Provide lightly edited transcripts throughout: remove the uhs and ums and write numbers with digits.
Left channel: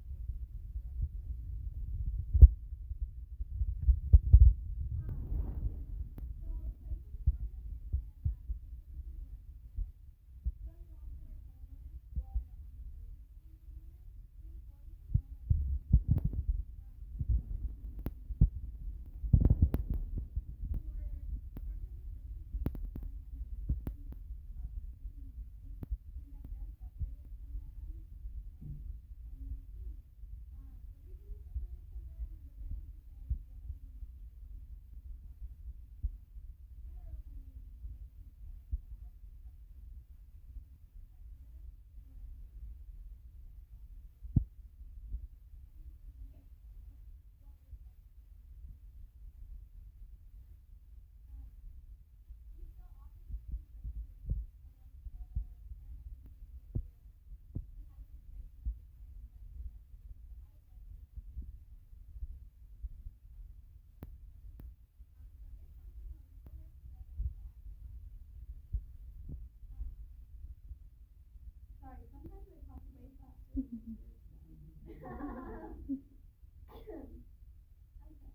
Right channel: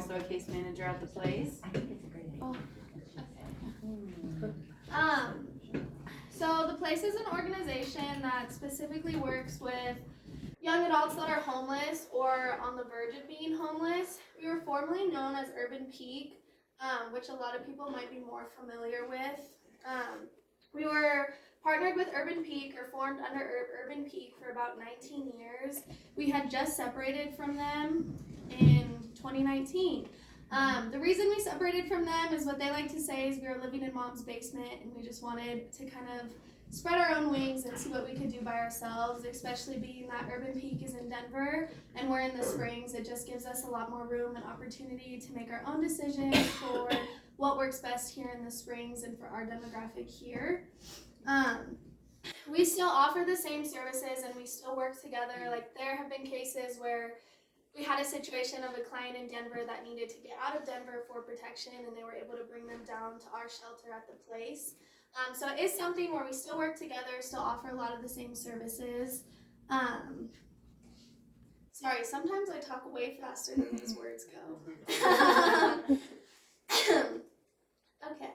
also a case manager at The Place. So The Place is an organization that specifically works with young adults that are homeless or on the verge of being homeless. We were formerly known as Urban Peak, which a lot of people might be more familiar with. We were partnered with Urban Peak, or formed under Urban Peak, for about 19 years. We had just separated from them in 2019. The reason we separated from them is what they like to say is we were living in mom's basement, and we just wanted to kind of spread our own wings and see what we could do by ourselves, especially being that Urban Peak is in Denver and we're in the Springs. It just gives us a lot more room and opportunity to make our own decisions for what works best here in the Springs and for our demographic here. We still offer the same services and we still work together. Like, there have been cases where we had a situation of a client in Denver that needed to get out of Denver for protection, and they were able to bring them down to our shelter at The Place. So it is something where we still work together, still offer a lot of the same services. Sorry, sometimes I talk way faster than these words go. Okay.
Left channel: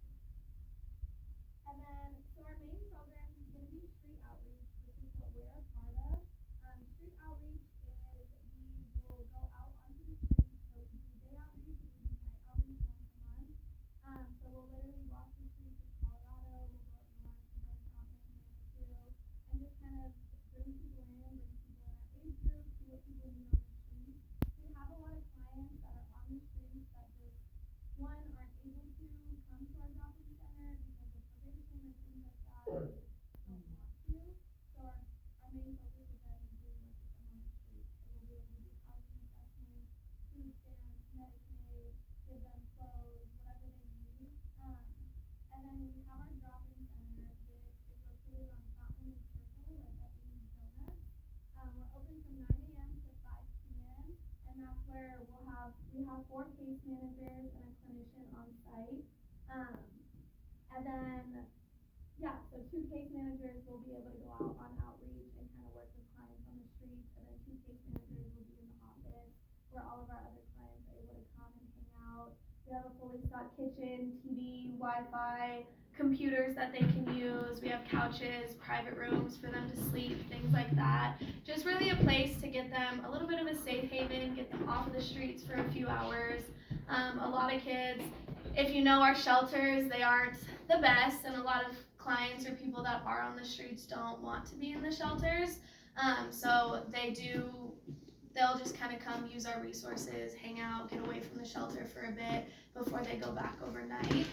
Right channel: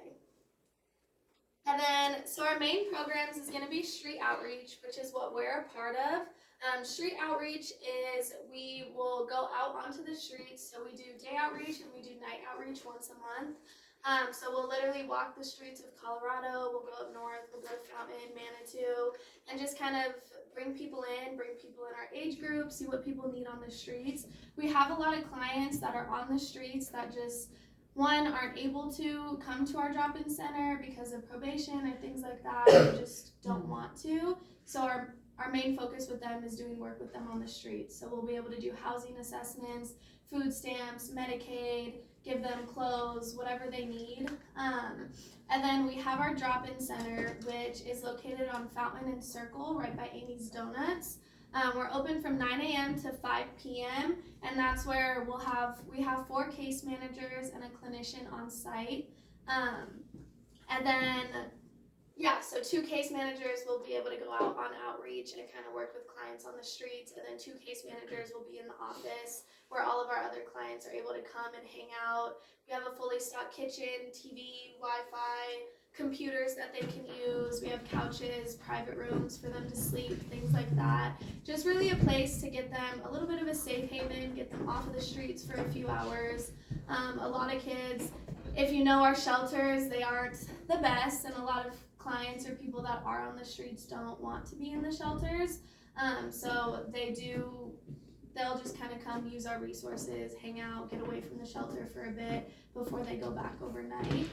And then, so our main programs is going to be street outreach, which is what we're a part of. Street outreach is we will go out onto the streets. So we do day outreach and we do night outreach once a month. So we'll literally walk the streets of Colorado, we'll go up north, we'll go to Fountain, Manitou, and just kind of bring people in our age group, see what people need on the streets. We have a lot of clients that are on the streets that just, one, aren't able to come to our drop-in center because of probation or things like that, or just don't want to. So our main focus with them is doing work with them on the streets. So we'll be able to do housing assessments, food stamps, Medicaid, give them clothes, whatever they need. And then we have our drop-in center, which is located on Fountain and Circle, right by Amy's Donuts. We're open from 9 a.m. to 5 p.m. and that's where we have 4 case managers and a clinician on site. And then, so 2 case managers will be able to go out on outreach and kind of work with clients on the streets, and then 2 case managers will be in the office where all of our other clients are able to come and hang out. We have a fully stocked kitchen, TV, Wi-Fi, computers that they can use. We have couches, private rooms for them to sleep, things like that. Just really a place to get them a little bit of a safe haven, get them off of the streets for a few hours. A lot of kids, if you know our shelters, they aren't the best, and a lot of clients or people that are on the streets don't want to be in the shelters. So they'll just kind of come use our resources, hang out, get away from the shelter for a bit before they go back overnight.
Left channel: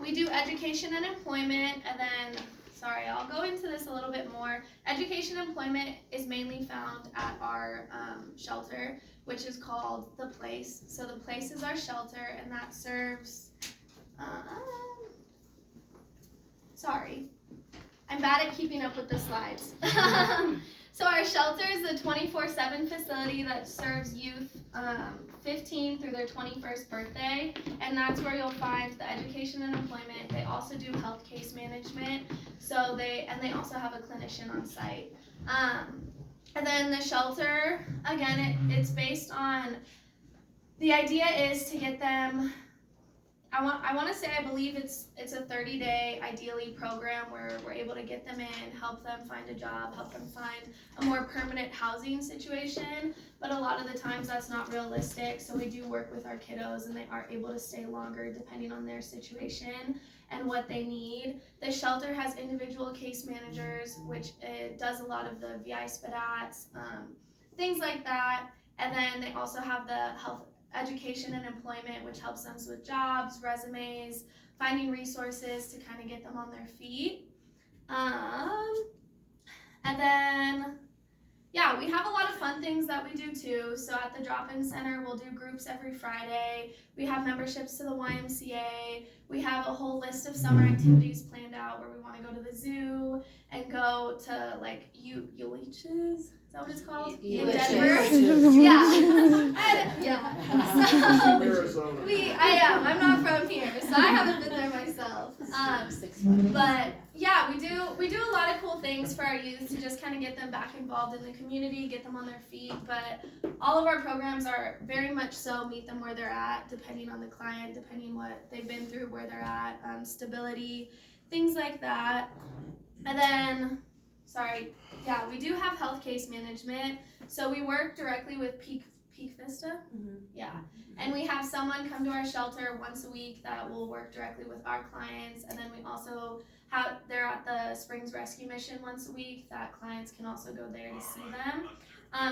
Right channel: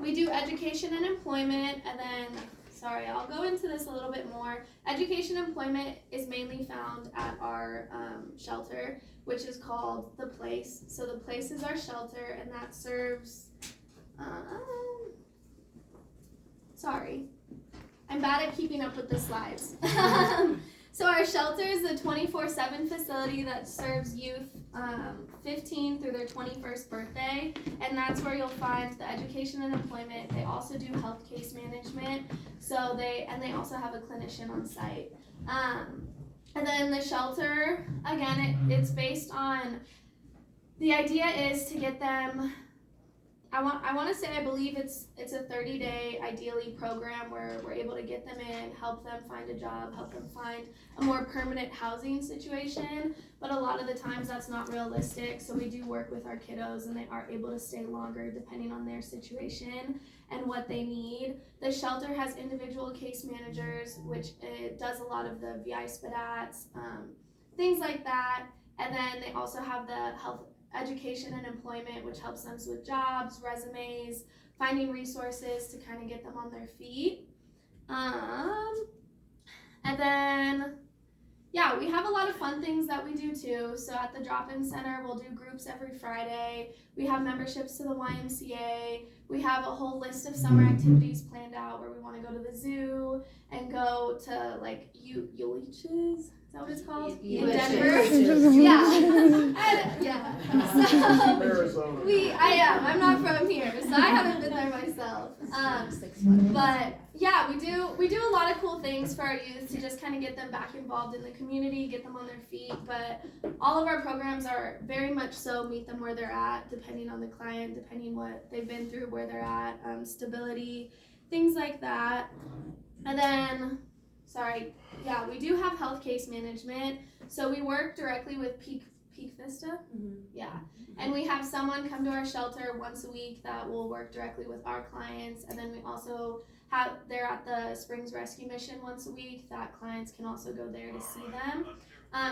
We do education and employment, and then, I'll go into this a little bit more. Education and employment is mainly found at our shelter, which is called The Place. So The Place is our shelter, and that serves, I'm bad at keeping up with the slides. So our shelter is a 24/7 facility that serves youth 15 through their 21st birthday, and that's where you'll find the education and employment. They also do health case management, they also have a clinician on site. And then the shelter, again, it's based on, the idea is to get them, I want to say, I believe it's a 30-day, ideally, program where we're able to get them in, help them find a job, help them find a more permanent housing situation, but a lot of the times that's not realistic, so we do work with our kiddos and they are able to stay longer depending on their situation and what they need. The shelter has individual case managers, which does a lot of the VI SPDATs, things like that, and then they also have the health education and employment, which helps them with jobs, resumes, finding resources to kind of get them on their feet. And then, we have a lot of fun things that we do too. So at the drop-in center, we'll do groups every Friday. We have memberships to the YMCA. We have a whole list of summer activities planned out where we want to go to the zoo and go to like Ulysses. Is that what it's called? In Denver. So I'm not from here, so I haven't been there myself. But yeah, we do a lot of cool things for our youth to just kind of get them back involved in the community, get them on their feet. But all of our programs are very much so meet them where they're at, depending on the client, depending what they've been through, where they're at, stability, things like that. And then, we do have health case management. So we work directly with Peak Vista. Yeah. And we have someone come to our shelter once a week that will work directly with our clients. And then we also they're at the Springs Rescue Mission once a week that clients can also go there to see them.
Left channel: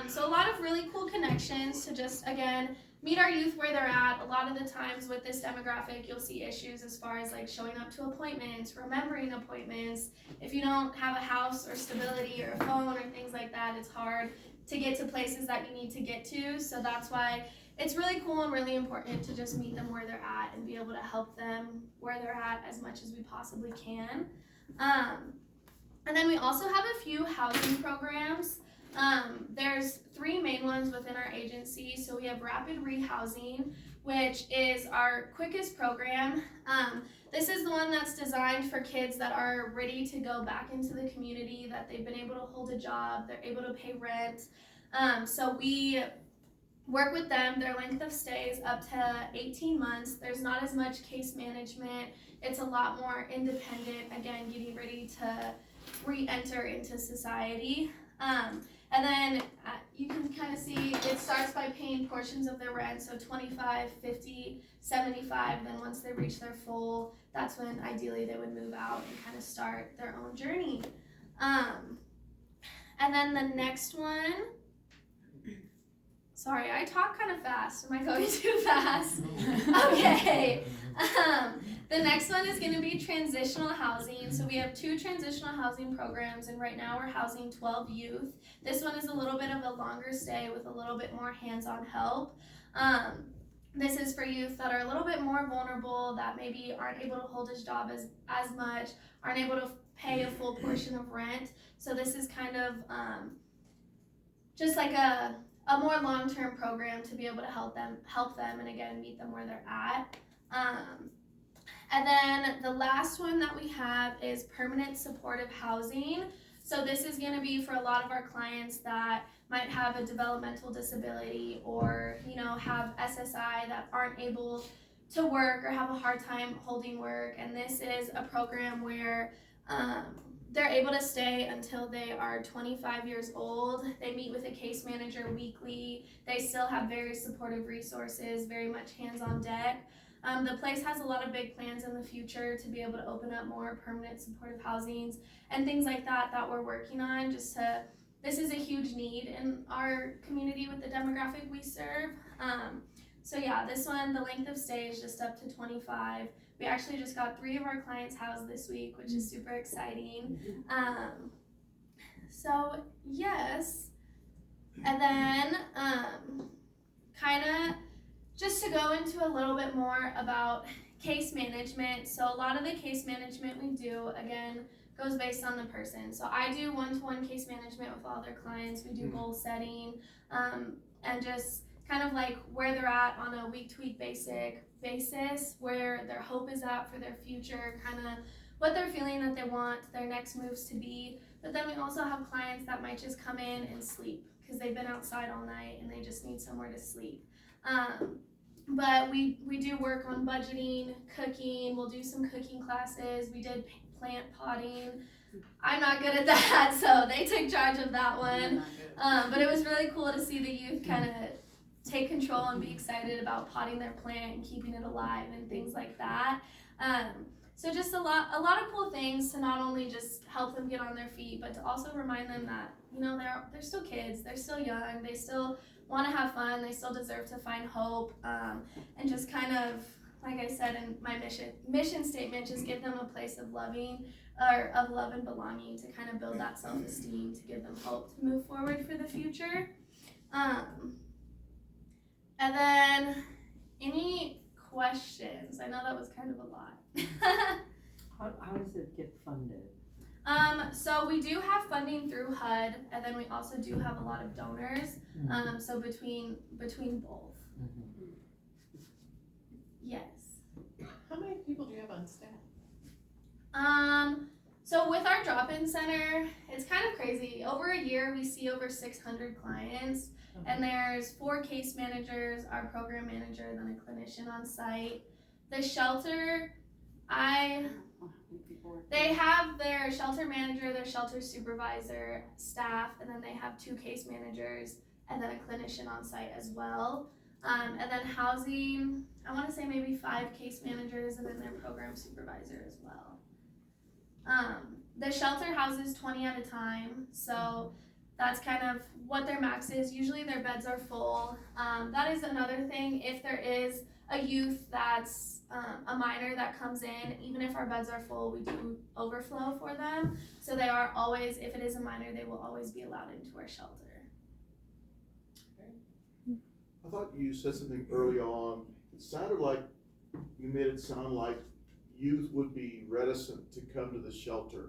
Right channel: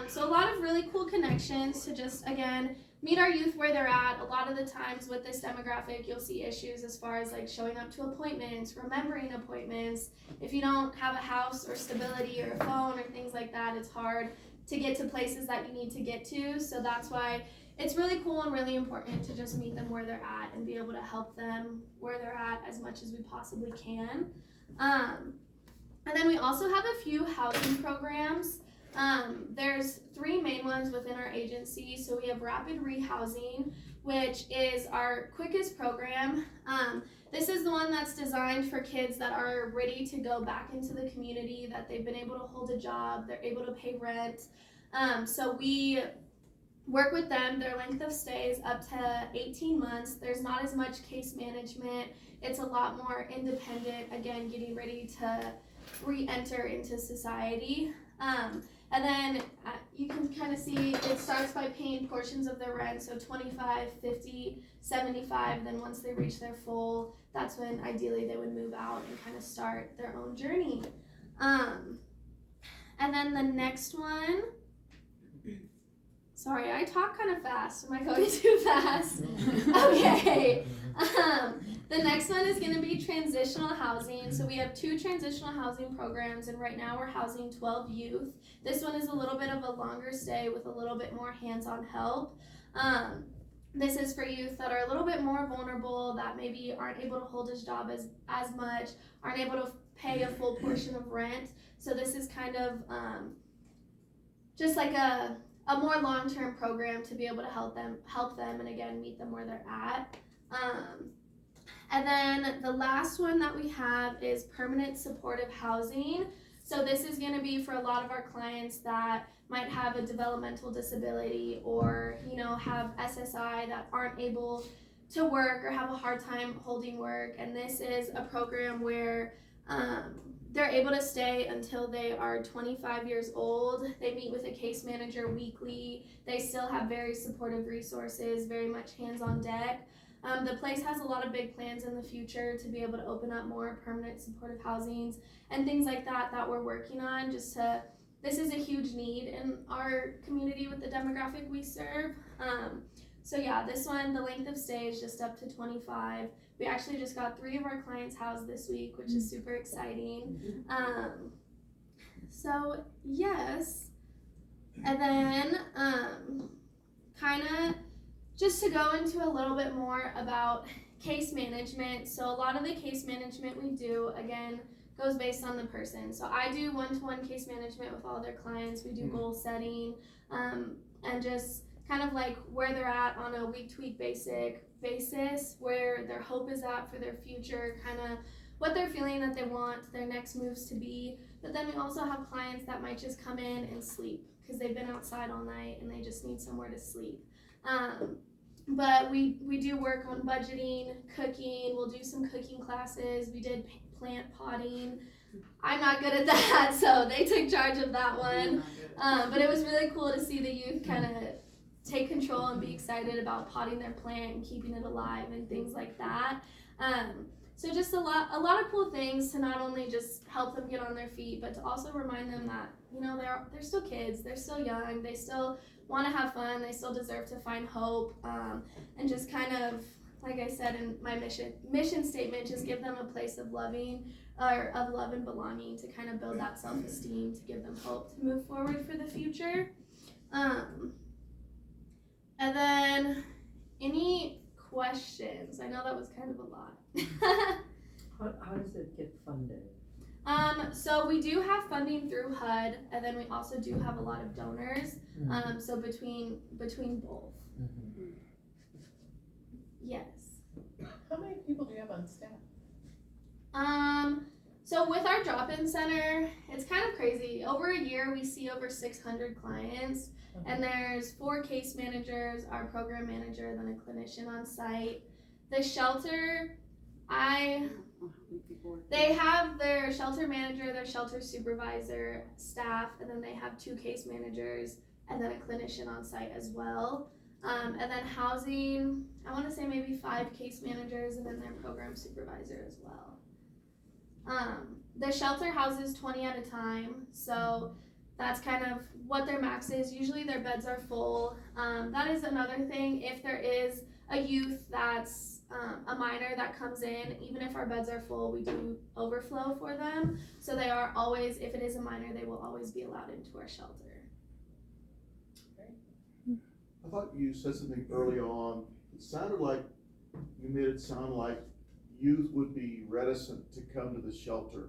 So a lot of really cool connections to just, again, meet our youth where they're at. A lot of the times with this demographic, you'll see issues as far as like showing up to appointments, remembering appointments. If you don't have a house or stability or a phone or things like that, it's hard to get to places that you need to get to. So that's why it's really cool and really important to just meet them where they're at and be able to help them where they're at as much as we possibly can. And then we also have a few housing programs. There's 3 main ones within our agency. So we have Rapid Rehousing, which is our quickest program. This is the one that's designed for kids that are ready to go back into the community, that they've been able to hold a job, they're able to pay rent. So we work with them. Their length of stay is up to 18 months. There's not as much case management. It's a lot more independent, again, getting ready to re-enter into society. And then you can kind of see it starts by paying portions of their rent, so 25, 50, 75, then once they reach their full, that's when ideally they would move out and kind of start their own journey. And then the next one, sorry, I talk kind of fast. Am I going too fast? Okay. The next one is going to be transitional housing. So we have 2 transitional housing programs, and right now we're housing 12 youth. This one is a little bit of a longer stay with a little bit more hands-on help. This is for youth that are a little bit more vulnerable, that maybe aren't able to hold his job as much, aren't able to pay a full portion of rent. So this is kind of just like a more long-term program to be able to help them and again meet them where they're at. And then the last one that we have is permanent supportive housing. So this is going to be for a lot of our clients that might have a developmental disability or have SSI that aren't able to work or have a hard time holding work. And this is a program where they're able to stay until they are 25 years old. They meet with a case manager weekly. They still have very supportive resources, very much hands on deck. The place has a lot of big plans in the future to be able to open up more permanent supportive housings and things like that we're working on. This is a huge need in our community with the demographic we serve. So yeah, this one, the length of stay is just up to 25. We actually just got 3 of our clients housed this week, which is super exciting. So yes, and then kind of just to go into a little bit more about case management. So a lot of the case management we do, again, goes based on the person. So I do one-to-one case management with all their clients. We do goal setting and just kind of like where they're at on a week-to-week basis, where their hope is at for their future, kind of what they're feeling that they want their next moves to be. But then we also have clients that might just come in and sleep because they've been outside all night and they just need somewhere to sleep. But we do work on budgeting, cooking. We'll do some cooking classes. We did plant potting. I'm not good at that, so they took charge of that one. But it was really cool to see the youth kind of take control and be excited about potting their plant and keeping it alive and things like that. So just a lot of cool things to not only just help them get on their feet, but to also remind them that they're still kids, they're still young, they still want to have fun, they still deserve to find hope, and just kind of, like I said in my mission statement, just give them a place of love and belonging to kind of build that self-esteem, to give them hope to move forward for the future. And then any questions? I know that was kind of a lot. How does it get funded? So we do have funding through HUD, and then we also do have a lot of donors. So between both. Mm-hmm. Yes. How many people do you have on staff? So with our drop-in center, it's kind of crazy. Over a year, we see over 600 clients, and there's 4 case managers, our program manager, then a clinician on site. The shelter, they have their shelter manager, their shelter supervisor, staff, and then they have 2 case managers, and then a clinician on site as well. And then housing, I want to say maybe 5 case managers, and then their program supervisor as well. The shelter houses 20 at a time, so that's kind of what their max is. Usually their beds are full. That is another thing. If there is a youth that's a minor that comes in, even if our beds are full, we do overflow for them. So they are always, if it is a minor, they will always be allowed into our shelter. I thought you said something early on. It sounded like you made it sound like youth would be reticent to come to the shelter.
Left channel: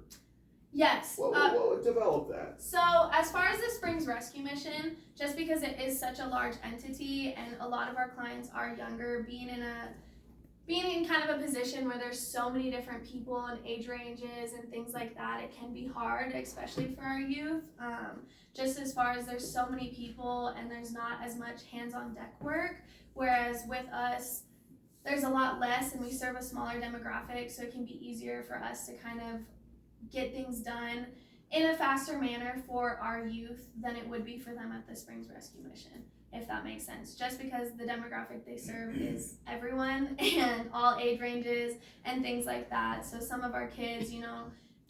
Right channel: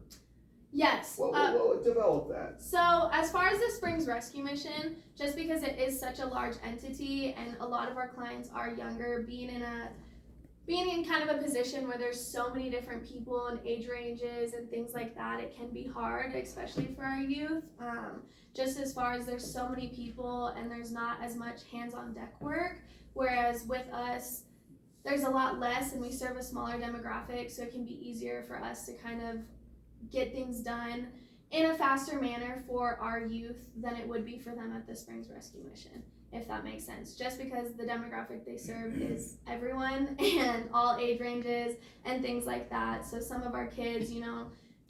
Yes. Well, develop that. So as far as the Springs Rescue Mission, just because it is such a large entity and a lot of our clients are younger, being in kind of a position where there's so many different people and age ranges and things like that, it can be hard, especially for our youth. Just as far as there's so many people and there's not as much hands-on deck work, whereas with us, there's a lot less and we serve a smaller demographic, so it can be easier for us to kind of get things done in a faster manner for our youth than it would be for them at the Springs Rescue Mission, if that makes sense. Just because the demographic they serve is everyone and all age ranges and things like that. So some of our kids,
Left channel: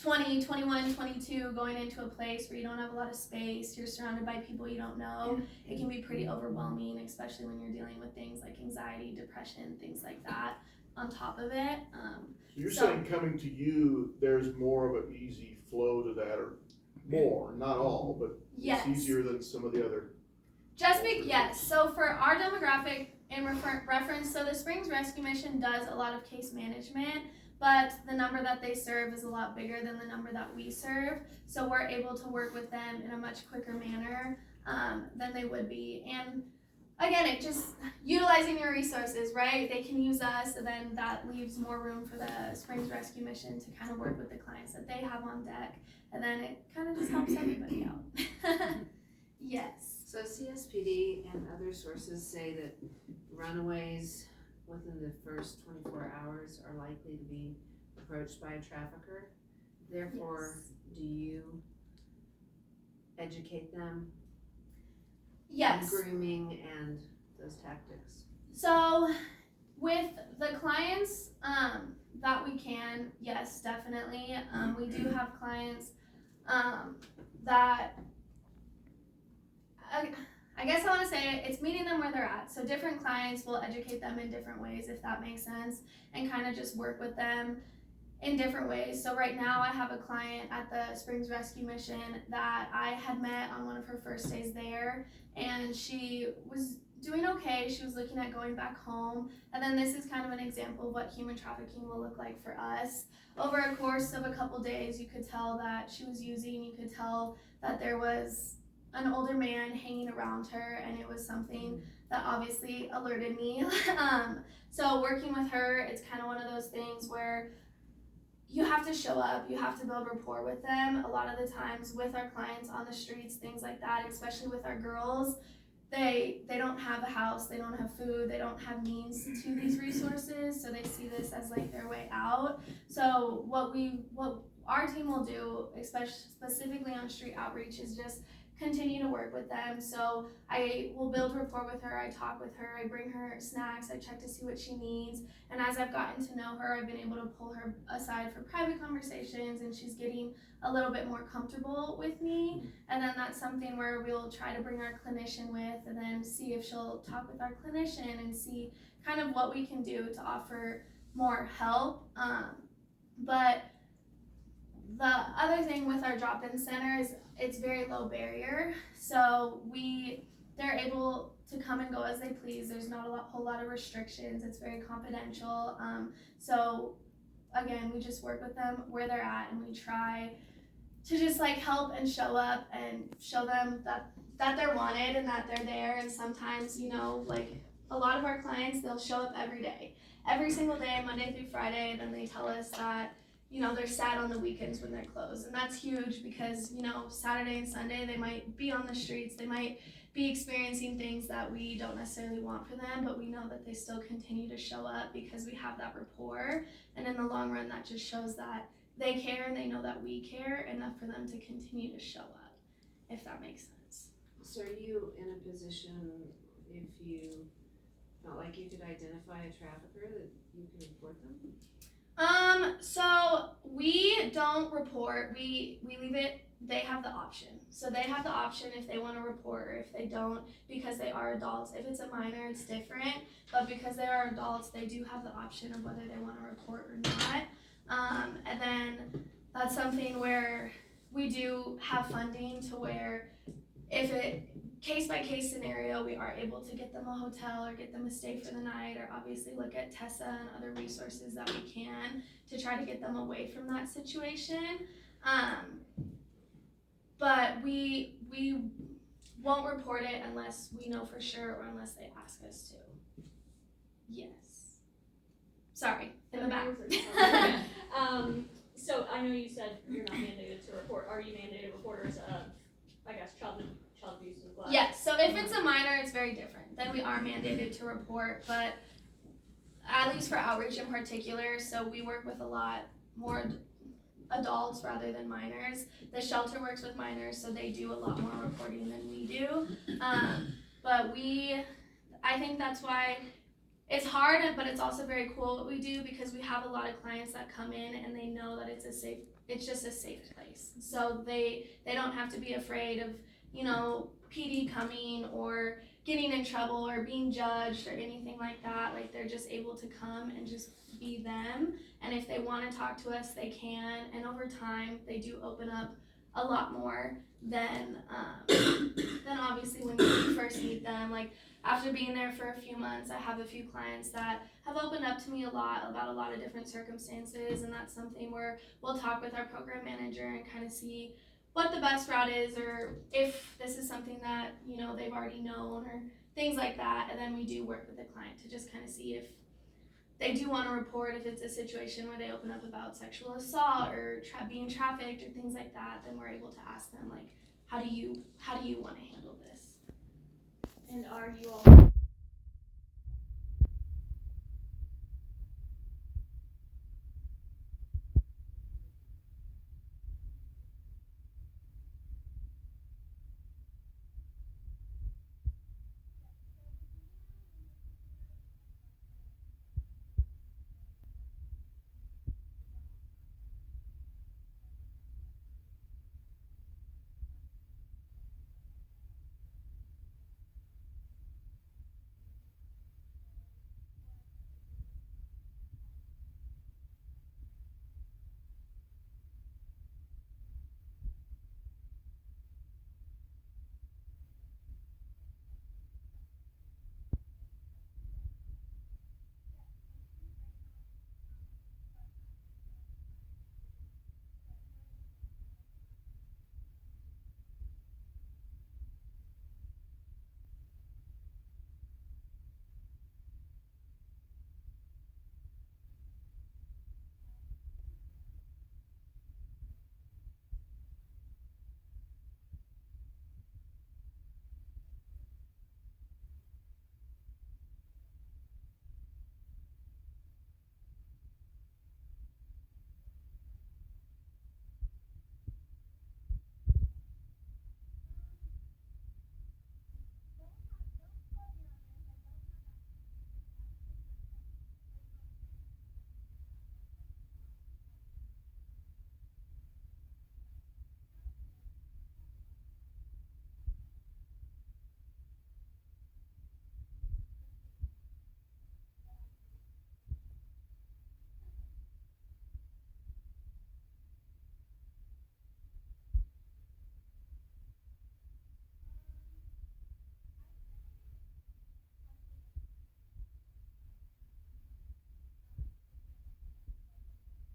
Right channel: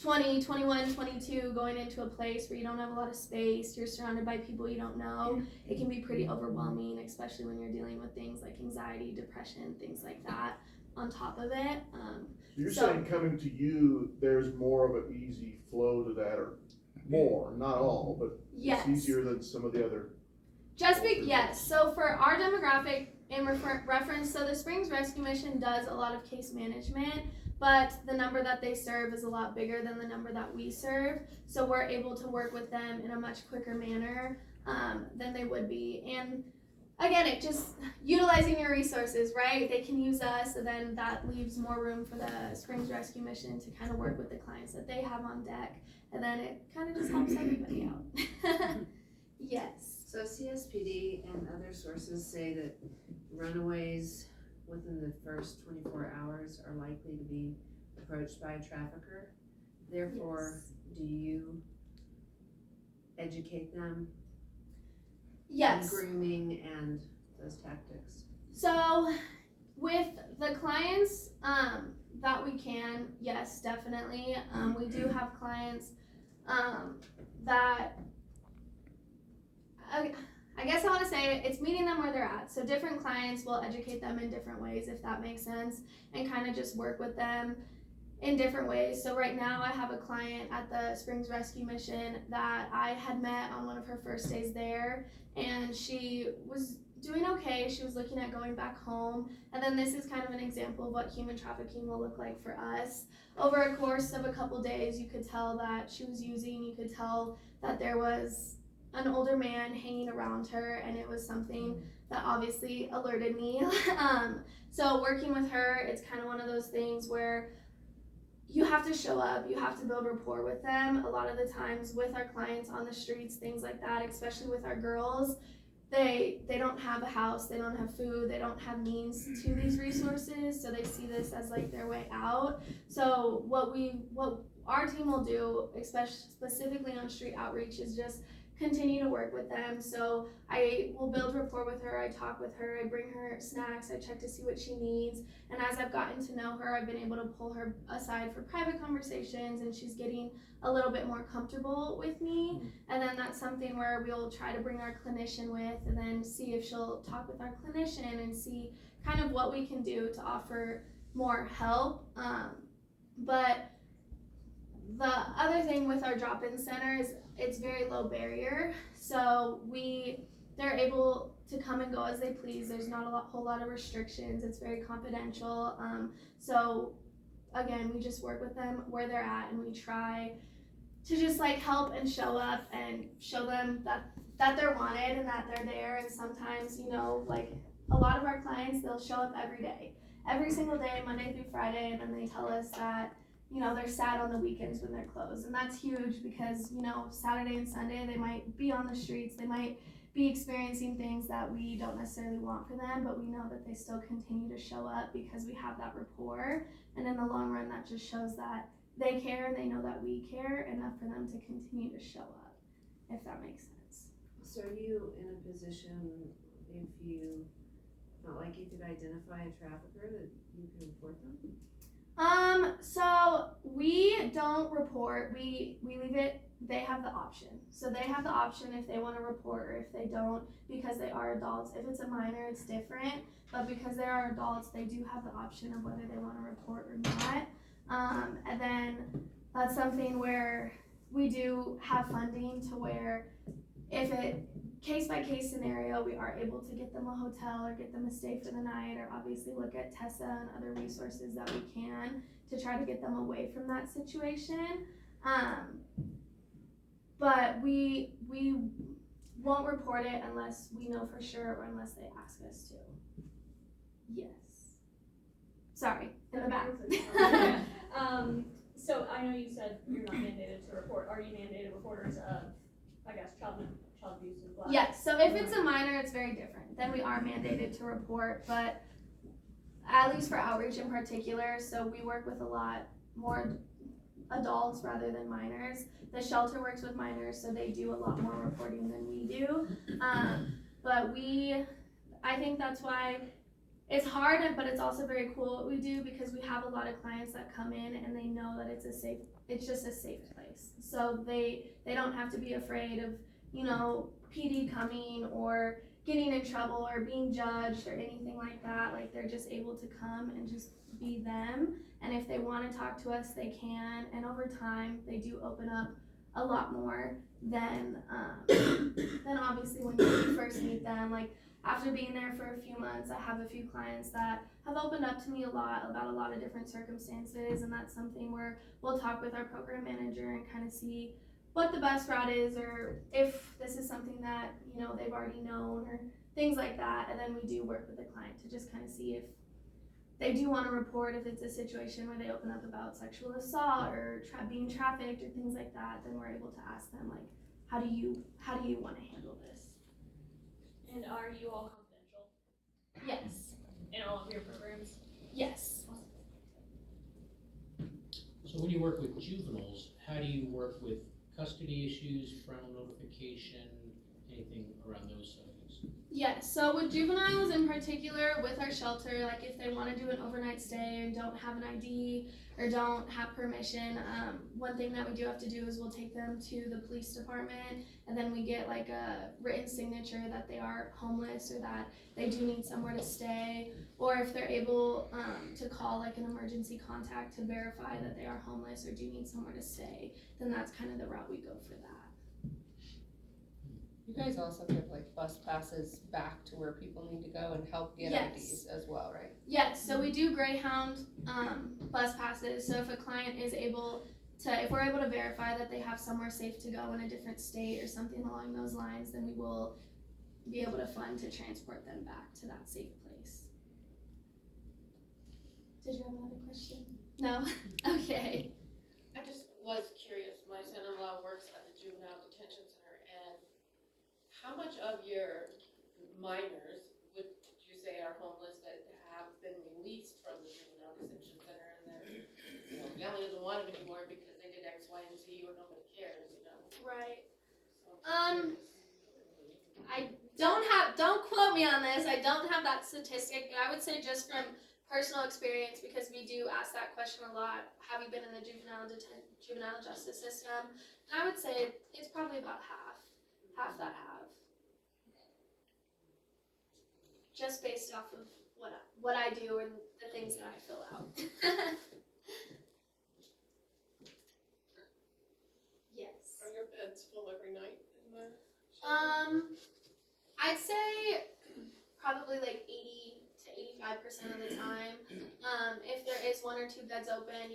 20, 21, 22, going into a place where you don't have a lot of space, you're surrounded by people you don't know, it can be pretty overwhelming, especially when you're dealing with things like anxiety, depression, things like that on top of it. So you're saying coming to you, there's more of an easy flow to that, or more, not all, but yes. It's easier than some of the other. Yes. So for our demographic, in reference, so the Springs Rescue Mission does a lot of case management, but the number that they serve is a lot bigger than the number that we serve. So we're able to work with them in a much quicker manner than they would be. And again, it just utilizing your resources, right? They can use us, and then that leaves more room for the Springs Rescue Mission to kind of work with the clients that they have on deck. And then it kind of just helps everybody out. Yes. So CSPD and other sources say that runaways within the first 24 hours are likely to be approached by a trafficker. Therefore, Yes. do you educate them Yes. on grooming and those tactics? So with the clients that we can, yes, definitely. We do have clients that I guess I want to say it's meeting them where they're at. So different clients will educate them in different ways, if that makes sense, and kind of just work with them in different ways. So right now I have a client at the Springs Rescue Mission that I had met on one of her first days there, and she was doing okay. She was looking at going back home, and then this is kind of an example of what human trafficking will look like for us. Over a course of a couple days, you could tell that she was using, you could tell that there was an older man hanging around her, and it was something that obviously alerted me. So working with her, it's kind of one of those things where you have to show up, you have to build rapport with them. A lot of the times with our clients on the streets, things like that, especially with our girls, they don't have a house, they don't have food, they don't have means to these resources, so they see this as like their way out. So what our team will do, especially specifically on street outreach, is just continue to work with them. So I will build rapport with her, I talk with her, I bring her snacks, I check to see what she needs, and as I've gotten to know her, I've been able to pull her aside for private conversations, and she's getting a little bit more comfortable with me. And then that's something where we'll try to bring our clinician with, and then see if she'll talk with our clinician and see kind of what we can do to offer more help. But the other thing with our drop-in center is it's very low barrier, so they're able to come and go as they please. There's not whole lot of restrictions. It's very confidential. So again, we just work with them where they're at, and we try to just like help and show up and show them that they're wanted and that they're there. And sometimes, like a lot of our clients, they'll show up every day, every single day, Monday through Friday, and then they tell us that they're sad on the weekends when they're closed. And that's huge because, Saturday and Sunday they might be on the streets, they might be experiencing things that we don't necessarily want for them, but we know that they still continue to show up because we have that rapport. And in the long run, that just shows that they care and they know that we care enough for them to continue to show up, if that makes sense. So are you in a position, if you felt like you could identify a trafficker, that you can report them? So we don't report, we leave it, they have the option. So they have the option if they want to report or if they don't, because they are adults. If it's a minor, it's different, but because they are adults, they do have the option of whether they want to report or not. And then that's something where we do have funding to where if it, case by case scenario, we are able to get them a hotel or get them a stay for the night, or obviously look at TESSA and other resources that we can to try to get them away from that situation. But we won't report it unless we know for sure or unless they ask us to. Yes. Sorry, in the back. So I know you said you're not mandated to report. Are you mandated reporters of, I guess, child abuse and neglect? Yes, so if it's a minor, it's very different. Then we are mandated to report, but at least for outreach in particular, so we work with a lot more adults rather than minors. The shelter works with minors, so they do a lot more reporting than we do. But I think that's why it's hard, but it's also very cool what we do, because we have a lot of clients that come in and they know that it's just a safe place. So they don't have to be afraid of, PD coming or getting in trouble or being judged or anything like that. Like, they're just able to come and just be them. And if they want to talk to us, they can. And over time, they do open up a lot more than obviously when you first meet them. Like, after being there for a few months, I have a few clients that have opened up to me a lot about a lot of different circumstances, and that's something where we'll talk with our program manager and kind of see what the best route is, or if this is something that, they've already known, or things like that. And then we do work with the client to just kind of see if they do want to report. If it's a situation where they open up about sexual assault or being trafficked or things like that, then we're able to ask them, like, how do you want to handle this? And are you all confidential Yes. in all of your programs? Yes. So when you work with juveniles, how do you work with custody issues, parental notification, anything around those subjects? Yes, so with juveniles in particular, with our shelter, like if they want to do an overnight stay and don't have an ID or don't have permission, one thing that we do have to do is we'll take them to the police department, and then we get like a written signature that they are homeless or that they do need somewhere to stay, or if they're able to call like an emergency contact to verify that they are homeless or do need somewhere to stay, then that's kind of the route we go for that. You guys also give like bus passes back to where people need to go and help get Yes. IDs as well, right? Yes, so we do Greyhound bus passes. So if a client is able to, if we're able to verify that they have somewhere safe to go in a different state or something along those lines, then we will be able to fund to transport them back to that safe place. Did you have another question? No? Okay. I just was curious, my son-in-law works at the juvenile detention center, and how much of your minors would you say are homeless that have been released from the juvenile detention center, and they're, family doesn't want them anymore because they did X, Y, and Z, or nobody cares, Right. So I'm curious. Don't quote me on this. I don't have that statistic, but I would say just from personal experience, because we do ask that question a lot, have you been in the juvenile justice system? And I would say it's probably about half that have. Just based off of what I do and the things that I fill out. Yes. Are your beds full every night in there? I'd say probably like 80 to 85% of the time. If there is 1 or 2 beds open,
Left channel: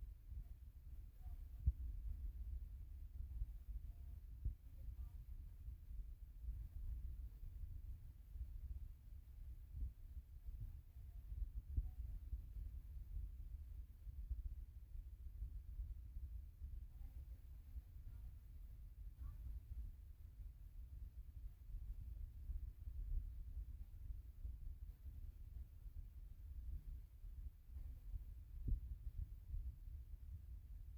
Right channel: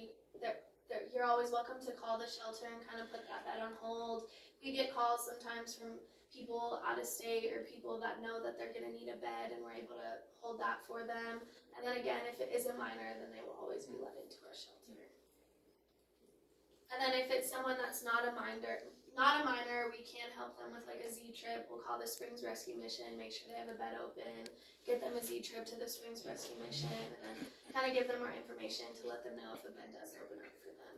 you're always welcome to call the shelter and kind of put that bed on hold. We get calls sometimes from people out of state or people that know that they're gonna need a bed, and we're able to hold that for them. And then again, if it is a minor, then they will always be let into our shelter. And then if it's someone that's not a minor, we can help them with like a Z-trip. We'll call the Springs Rescue Mission, make sure they have a bed open, get them a Z-trip to the Springs Rescue Mission, and kind of give them more information to let them know if a bed does open up for them.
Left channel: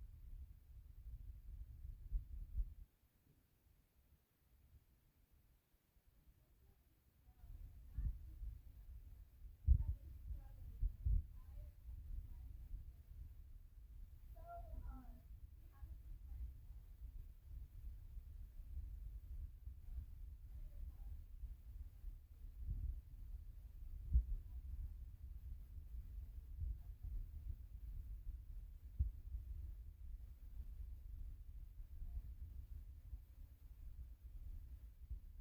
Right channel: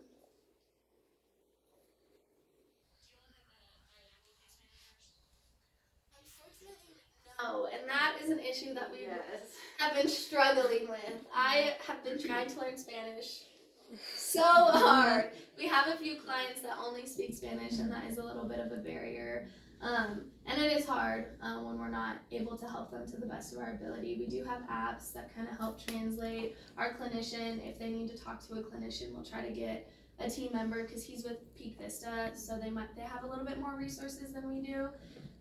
Unfortunately, no, and that is an issue that we have been struggling with. I have been trying to learn Spanish so hard. We have a few clients that only speak Spanish, and that is a little bit of a barrier. And it is hard when we're not able to help them to the best of our ability. We do have apps that kind of help translate. Our clinician, if they need to talk to a clinician, we'll try to get a team member because he's with Peak Vista, so they have a little bit more resources than we do.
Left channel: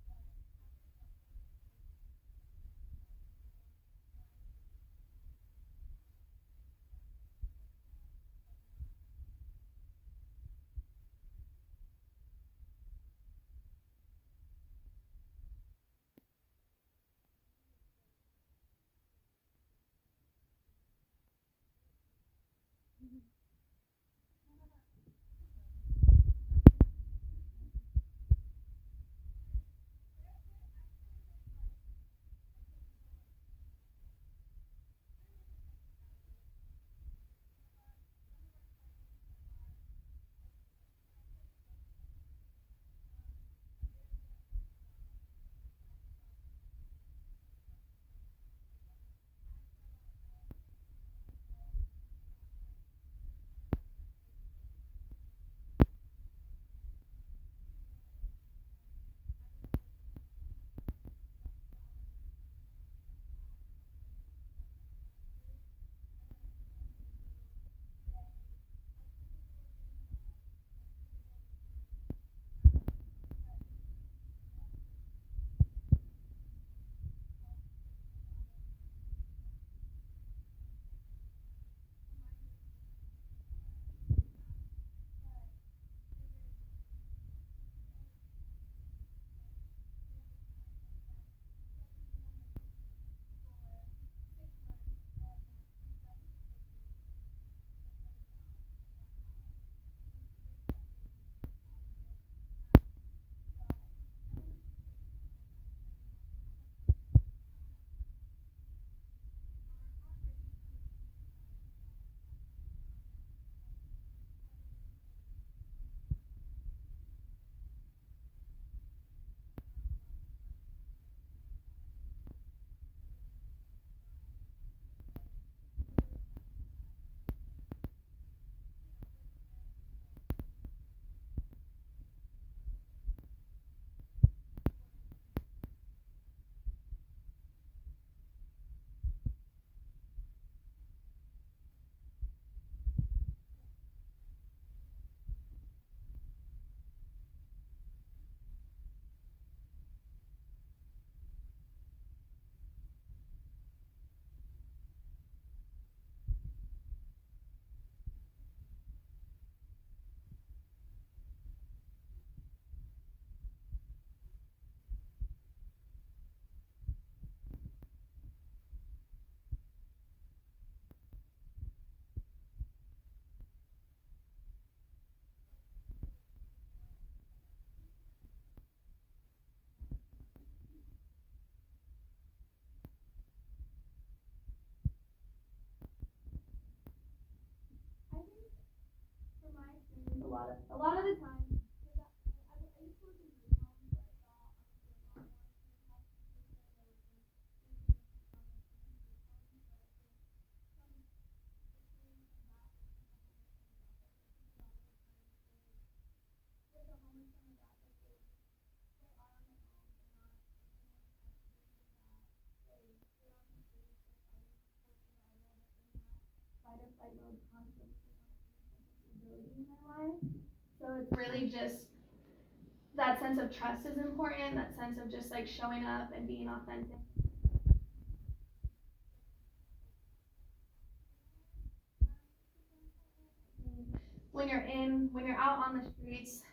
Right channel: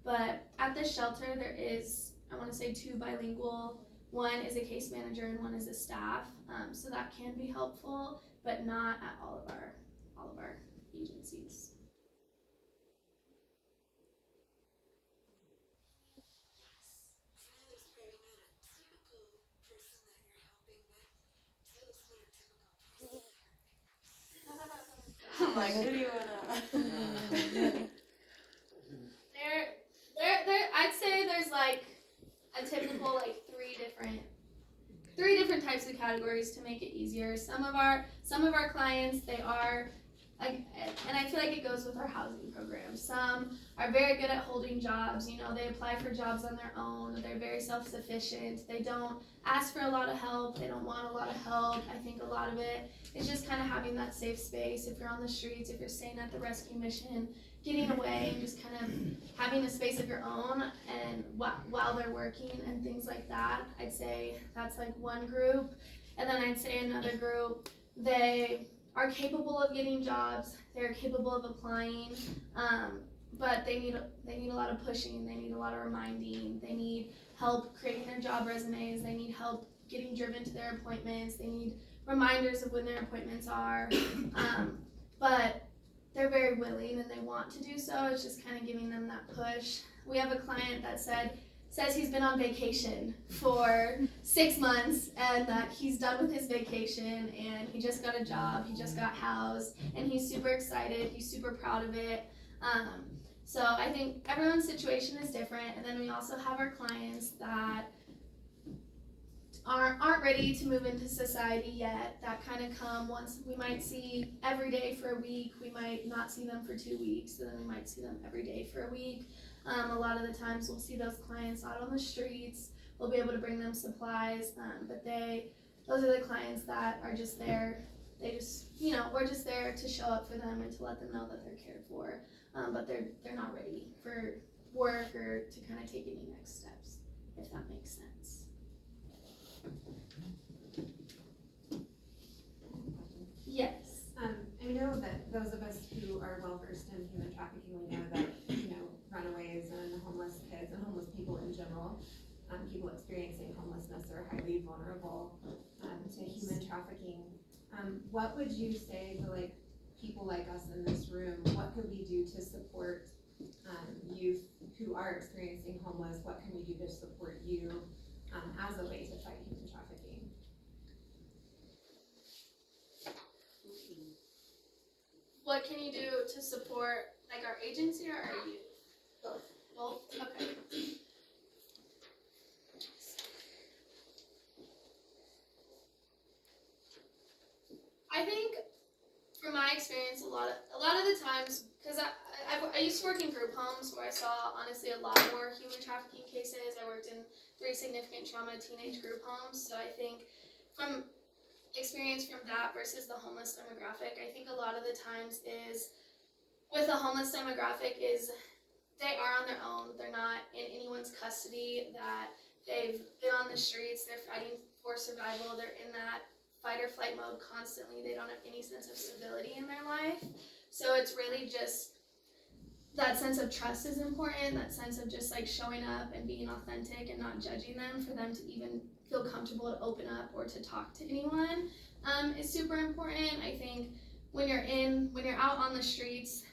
But at the shelter, there is, I want to say, 2 bilingual. One is a case manager and one is a staff, so that can be helpful, but not at all of our agencies. I'm like, who do you wanna? I'd say there's like a typical like three different types of categories to make it easier. Some of our clients, they are, and I feel like it goes with our housing program. Some are very good at holding jobs. You know, they apply for jobs on their own. They're very self-sufficient. They don't ask for a lot of help. They don't want a lot of help. I think a lot of it is just kind of having that safe space. If you're on the streets, if you're staying at the rescue mission, getting away and just kind of having a space of your own, and while they're working and things like that. I'd say that's like one group. And then I'd say another group, they are capable of getting jobs, they're capable of applying, but they need a lot of pushing, they need a lot of reminding, they need help creating their job resumes, they need help getting driven to their appointments, they need reminders of when their appointments are, but they're very willing and they want to do so. It's just kind of giving them that push. We have a client that says he's been on vacation for 6 months and that he's done with his vacation and he just got a job, he just got housed, and he's super excited, he's super proud of it. So I think everyone's situation is different, and then we also have our clients that aren't ready to move into society yet, that kind of come once. We might see every day for a week, we might not see them for 2 weeks, and then we might see them every day for a week. A lot of the times we'll see those clients out on the streets, we'll be able to bring them supplies, but those are the clients that are just there, we're just there to show up for them and to let them know that they're cared for, but they're not ready for work or to kind of take any next steps, if that makes sense. Yes. I know that those of us who are well versed in human trafficking, we know that, runaways and homeless kids and homeless people in general, people experiencing homelessness are highly vulnerable to human trafficking. What would you say to people like us in this room? What could we do to support youth who are experiencing homeless? What can we do to support you as a way to fight human trafficking? What can you do to support our agency or our youth? Both? Okay. I think from my experience, a lot of the times, because I used to work in group homes where I saw honestly a lot more human trafficking cases. I worked in 3 significant trauma teenage group homes, so I think from experience from that versus the homeless demographic, I think a lot of the times is with the homeless demographic is they are on their own, they're not in anyone's custody, that they've been on the streets, they're fighting for survival, they're in that fight or flight mode constantly, they don't have any sense of stability in their life. So it's really just that sense of trust is important, that sense of just showing up and being authentic and not judging them, for them to even feel comfortable to open up or to talk to anyone is super important. I think when you're out on the streets,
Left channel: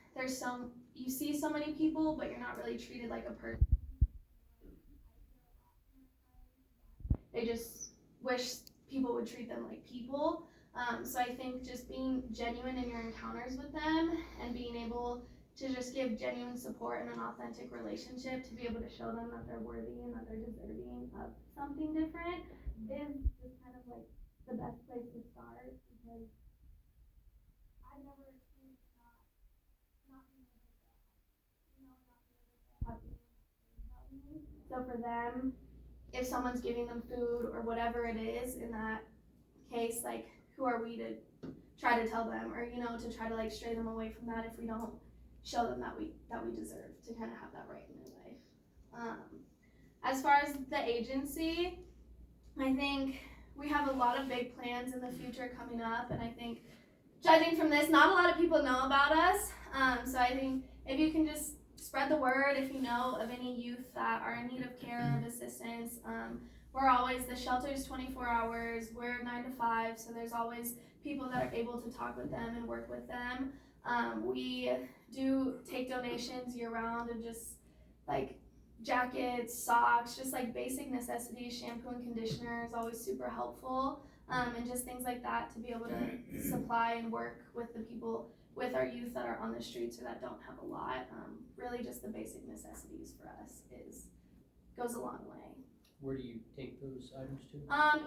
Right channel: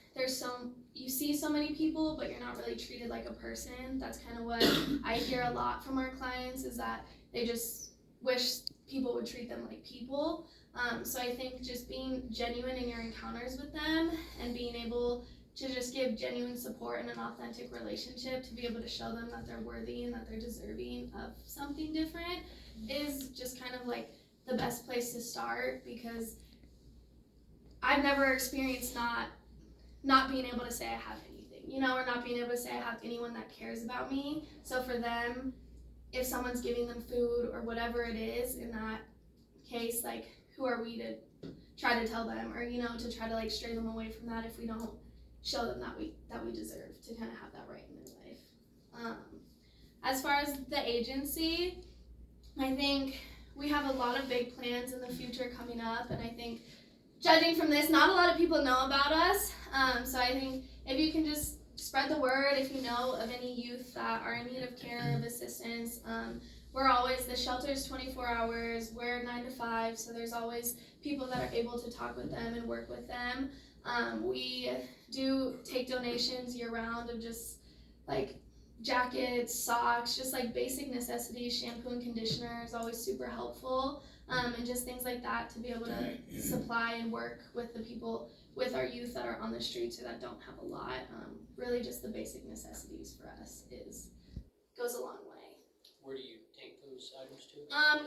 you see so many people, but you're not really treated like a person. That's kind of what I hear a lot from our clients, is that they just wish people would treat them like people. So I think just being genuine in your encounters with them and being able to just give genuine support and an authentic relationship to be able to show them that they're worthy and that they're deserving of something different is just kind of like the best place to start, because I've never experienced not being able to say I have anything, you know, or not being able to say I have anyone that cares about me. So for them, if someone's giving them food or whatever it is, in that case, like, who are we to try to tell them, or, you know, to try to like stray them away from that if we don't show them that we deserve to kind of have that right in their life. As far as the agency, I think we have a lot of big plans in the future coming up, and I think, judging from this, not a lot of people know about us. So I think if you can just spread the word, if you know of any youth that are in need of care, of assistance, the shelter's 24 hours, we're 9 to 5, so there's always people that are able to talk with them and work with them. We do take donations year round of just like jackets, socks, just like basic necessities. Shampoo and conditioner is always super helpful, and just things like that to be able to supply and work with the people, with our youth that are on the streets or that don't have a lot. Really just the basic necessities for us goes a long way. Where do you take those items to?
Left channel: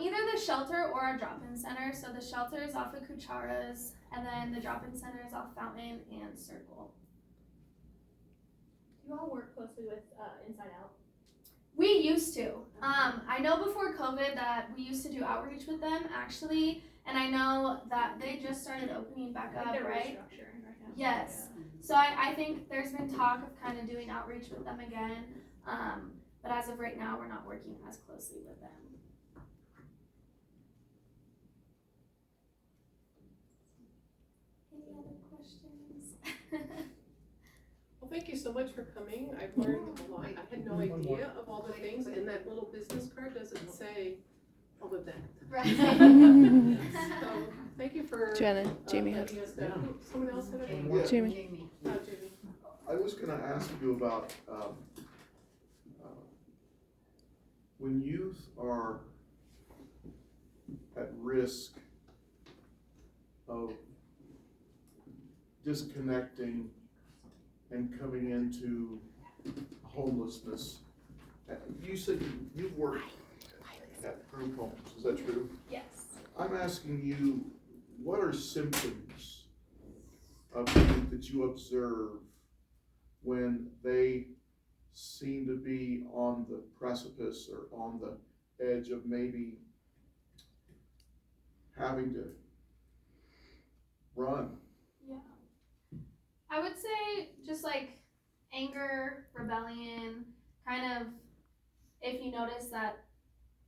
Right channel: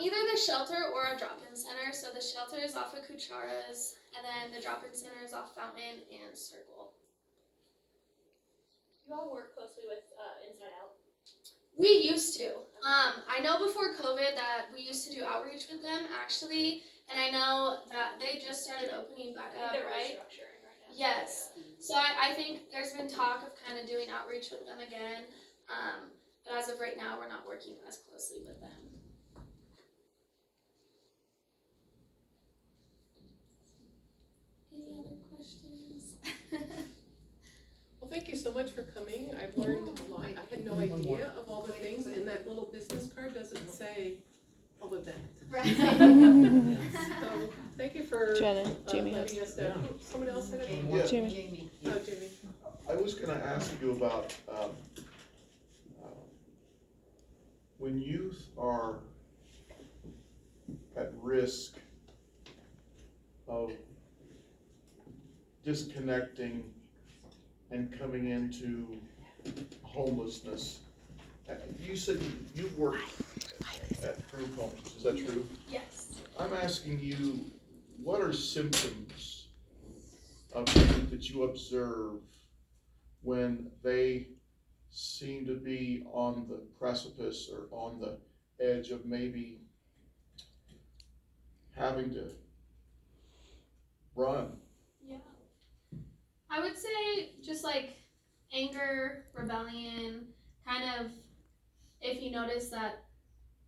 Either the shelter or a drop-in center. So the shelter is off of Cucharas, and then the drop-in center is off Fountain and Circle. You all work closely with Inside Out. We used to. I know before COVID that we used to do outreach with them, actually, and I know that they just started opening back up, They're right? restructuring right now. Yes. So I think there's been talk of kind of doing outreach with them again, but as of right now, we're not working as closely with them. Any other questions? Well, thank you so much for coming. I've learned a lot. I had no idea of all the things, and that little business card doesn't say all of that. Right. So, thank you for Jamie letting us know. Someone else had a Yeah. Jamie. Oh, Jamie. I was gonna ask you about, when youth are at risk of disconnecting and coming into homelessness. You said you've worked at group homes, is that true? Yes. I'm asking you, what are symptoms of youth that you observe when they seem to be on the precipice or on the edge of maybe having to run? Yeah. I would say just like anger, rebellion, kind of if you notice that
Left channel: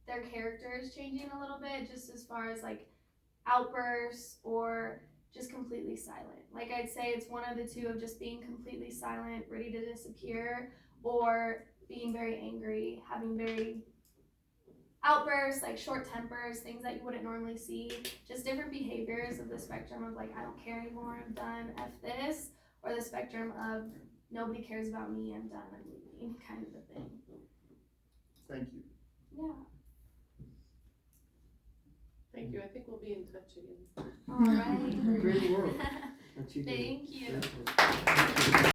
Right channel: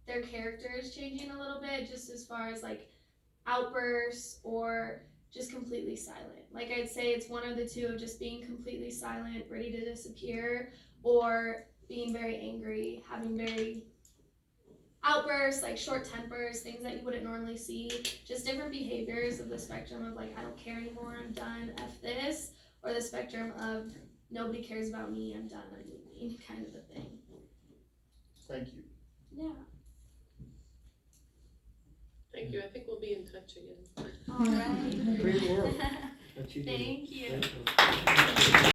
their character is changing a little bit, just as far as like outbursts or just completely silent. Like I'd say it's one or the two of just being completely silent, ready to disappear, or being very angry, having very outbursts, like short tempers, things that you wouldn't normally see, just different behaviors of the spectrum of like, I don't care anymore, I'm done, F this, or the spectrum of nobody cares about me, I'm done, I'm leaving, kind of a thing. Thank you. Yeah. Thank you. I think we'll be in touch again. All right. Great work. What you do. Thank you. Thank you.